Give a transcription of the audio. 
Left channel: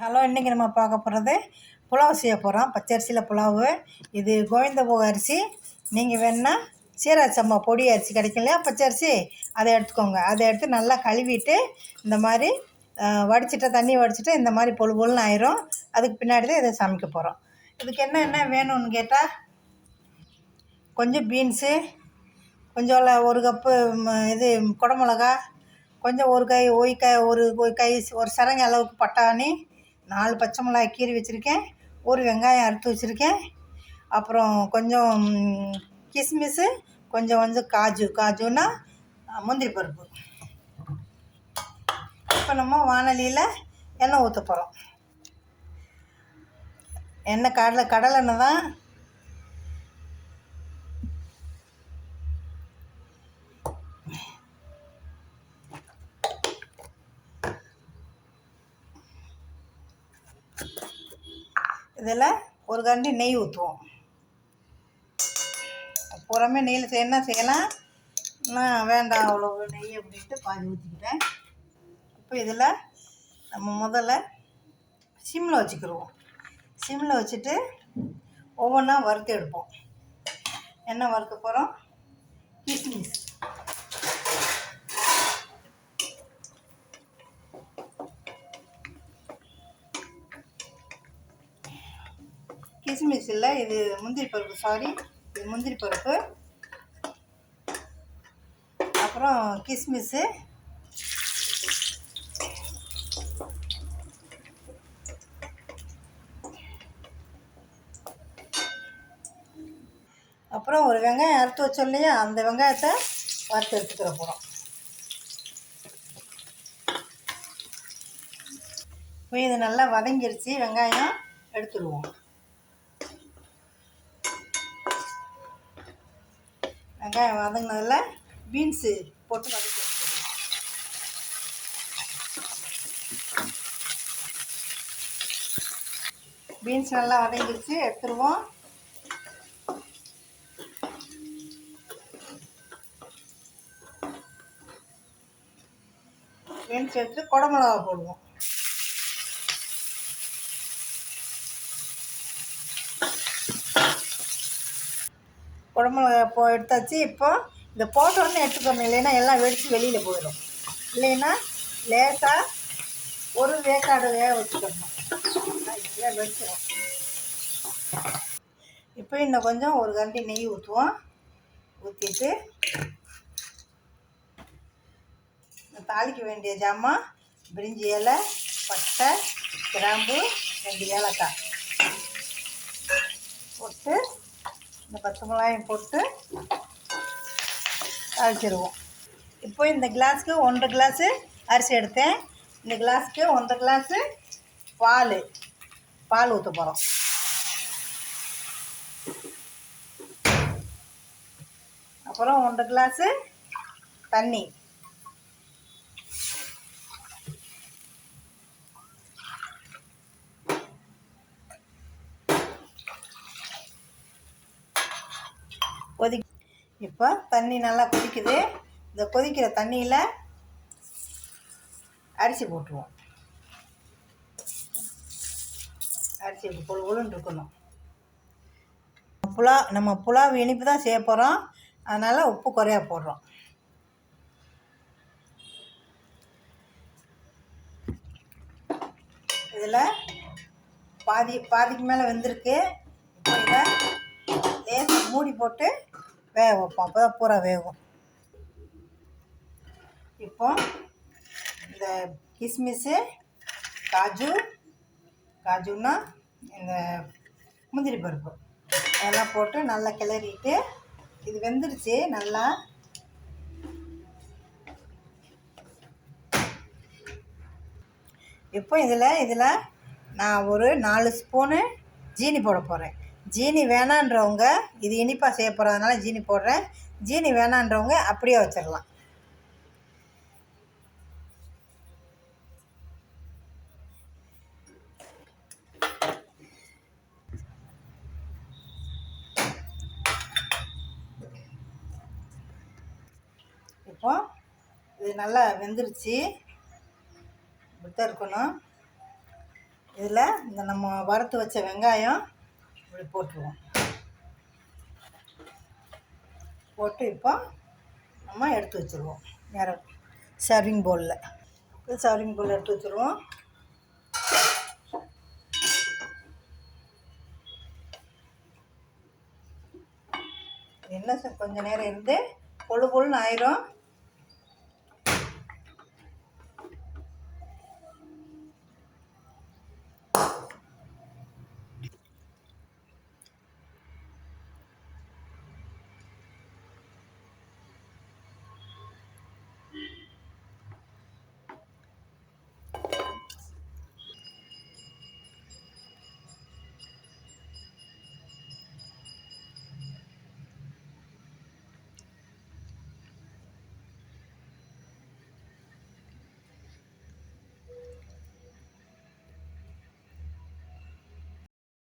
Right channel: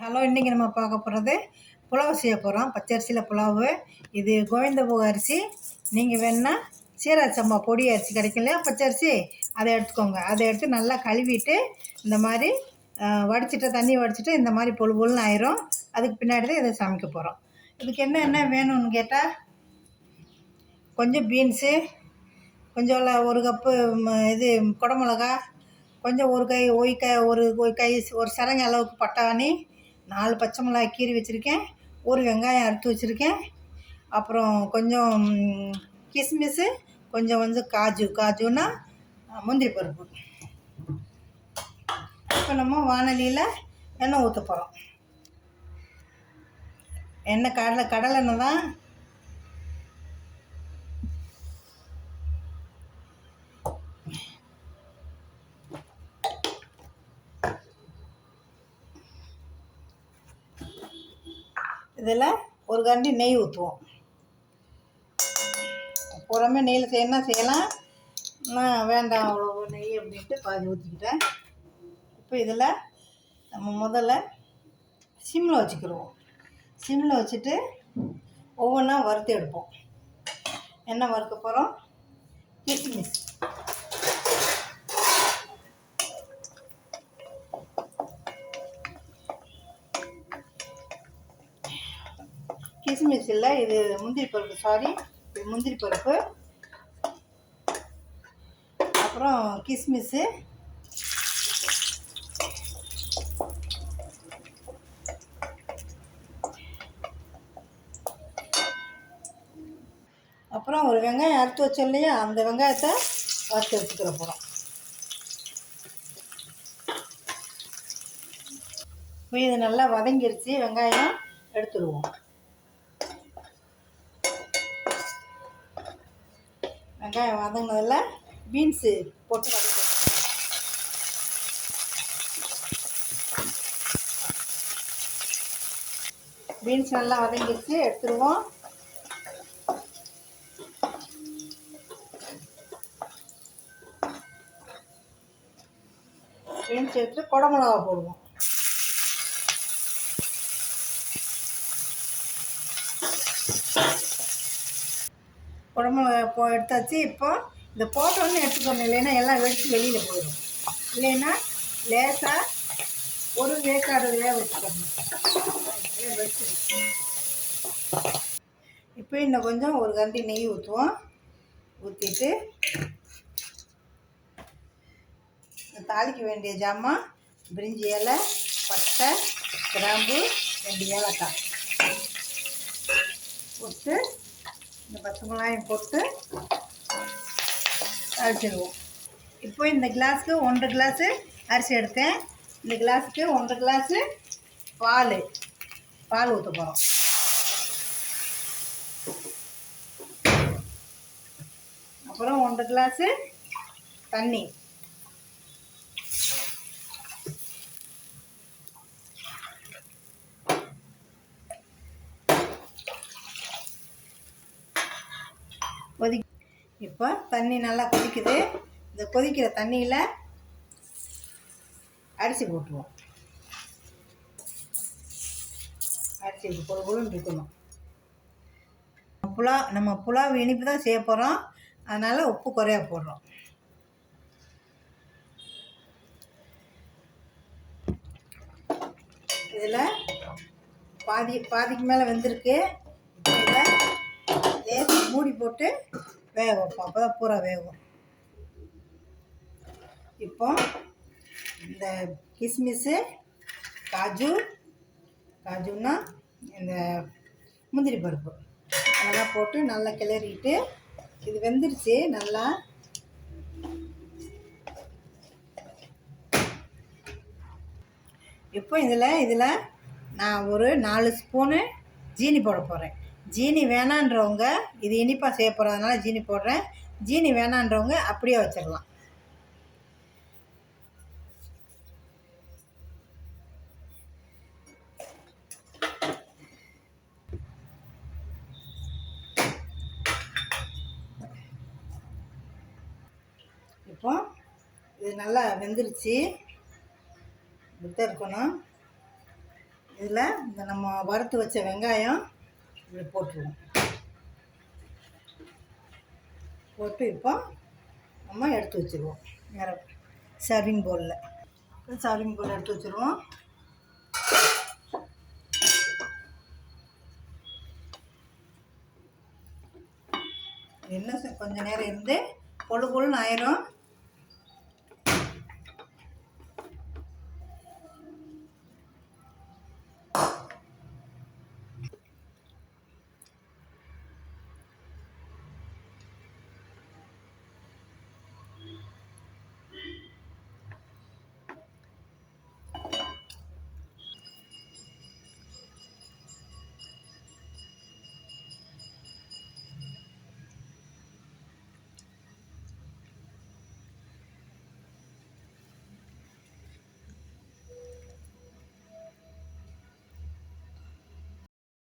Hello இன்றைக்கி நம்ம பார்க்க போகிறது புலாவ் செய்ய போகிறோம் பச்சரிசியில் புலாவு. இது கோவிந்தபோக அரிசி. நீங்கள் வேணால் சீரக பொடி அரிசி கிடைக்கும் இல்லையா? பச்சரிசி அதை எடுத்துக்கோங்க. அதை எடுத்து நல்லா கழுவிட்டு இந்த மாதிரி வடிச்சிட்டு தண்ணி வடிச்சிட்டு இந்த மாதிரி பொழு பொழுன்னு ஆயிரும். அதுக்கு பின்னாடி தான் இதை சமைக்க போகிறோம் இதுக்கு என்ன என்ன வேணும்னு கேட்டால் கொஞ்சம் பீன்ஸு கொஞ்சம் ஒரு கப்பு இது குடமிளகா கொஞ்சம் ஒரு கை ஒய் கை ஒரு கை ஒரு சரங்க அளவுக்கு பட்டாணி நாலு பச்சை மிளகாய் கீறி வச்சுருக்கேன். ஒரு வெங்காயம் அறுத்து வச்சுருக்கேன். அப்புறம் கொஞ்சம் கிஸ்மிஸ்ஸு கொஞ்சம் வந்து காஜு. காஜுன்னா முந்திரி பருப்பு. இப்போ நம்ம வானலியில் எண்ணெய் ஊற்ற போகிறோம் எண்ணெய் கடலை கடலெண்ணெய் தான் இதில் ஒரு கண்டி நெய் ஊற்றுவோம். புறமே நெய்யில் என்ன செய்யலாம்? நான் வேண்டாம் அவ்வளோ நெய் அப்படின்ட்டு பாதி ஊற்றிக்கிட்டேன் இப்போ இதில் நம்ம முதல்ல சிம்மில் வச்சுக்கிடுவோம் சிம்மில் வச்சுட்டு ஒவ்வொன்றா வறுத்து எடுப்போம். என்ன வறுக்க போகிறோம்? கிஸ்மிஸ். கிஸ்மிஸ் இல்லை இது முந்திரி பருப்பு சாரி இது முந்திரி பருப்பு. அப்புறம் கிஸ்மிஸ்ஸு அப்புறம் ஒரு வெங்காயம் அறுத்து வச்சோம் இல்லையா? அந்த வெங்காயத்தை வறுத்து எடுத்துக்கிற போகிறோம் இப்போ இது நல்லா வதங்கிருச்சு. வெங்காயம் எடுத்துடுவோம். வெங்காயம் வதங்கினதில் பீன்ஸு போட்டு வதக்கி பீன்ஸ் நல்லா வதங்கிடுச்சு எடுத்துருவோம். பீன்ஸ் எடுத்து குடமிளகா போடுவோம். குழம்பு போ எடுத்தாச்சு. இப்போ இந்த போட்டோன்னு எடுத்துக்கணும் இல்லைன்னா எல்லாம் வெடித்து வெளியில் போயிடும். இல்லைன்னா லேசாக ஒரு வேக்காடு வேக வச்சுக்கணும். வெடிச்சிடும் இப்போ இன்னும் கொஞ்சம் ஒரு கண்டி நெய் ஊற்றுவோம் ஊற்றிட்டு தாளிக்க வேண்டிய ஜாமான் பிரிஞ்சி இலை பட்டை கிராம்பு ரெண்டு ஏலக்காய் போட்டு இந்த பச்சை மிளகாயும் போட்டு அரைச்சிடுவோம். இப்போ இந்த கிளாஸுக்கு ஒன்றரை கிளாஸு அரிசி எடுத்தேன். இந்த கிளாஸுக்கு ஒன்றரை கிளாஸு பால் பால் ஊற்ற போகிறோம் அப்புறம் ஒன்றரை கிளாஸு தண்ணி. கொதி இப்போ தண்ணி நல்லா கொதிக்குது. இந்த கொதிக்கிற தண்ணியில் அரிசி போட்டுருவோம். அரிசி பொழு பொழுன்னு இருக்கணும். புலா நம்ம புலாவ் இனிப்பு தான் செய்ய போகிறோம் அதனால் உப்பு குறையா போடுறோம். இதில் பாதி பாதிக்கு மேலே வெந்திருக்கு. மூடி போட்டு வேக வைப்போம். அப்போ தான் பூரா வேகும். இப்போ இந்த கிஸ்மிஸ்ஸு காஜு காஜுன்னா இந்த முந்திரி பருப்பு. அதெல்லாம் போட்டு நல்லா கிளறிட்டு இது வெந்துருச்சு நல்லா. இப்போ இதில் இதில் நான் ஒரு நாலு ஸ்பூனு ஜீனி போட போகிறேன் ஜீனி வேணான்றவங்க இது இனிப்பாக செய்ய போகிறதுனால ஜீனி போடுறேன். ஜீனி வேணான்றவங்க அப்படியே வச்சிடலாம். இப்போ இது நல்லா வெந்துருச்சு. இப்படி இருக்கணும். இதில் இந்த நம்ம வறுத்து வச்ச வெங்காயம் இப்படி போட்டுருவோம். போட்டு இப்போ நம்ம எடுத்து வச்சுருவோம். வேறு சர்விங் பவுலில் சர்விங் பவுல் எடுத்து வச்சுருவோம். என்ன சார் நேரம் இருந்து பொழு பொழுன்னு ஆயிரும்.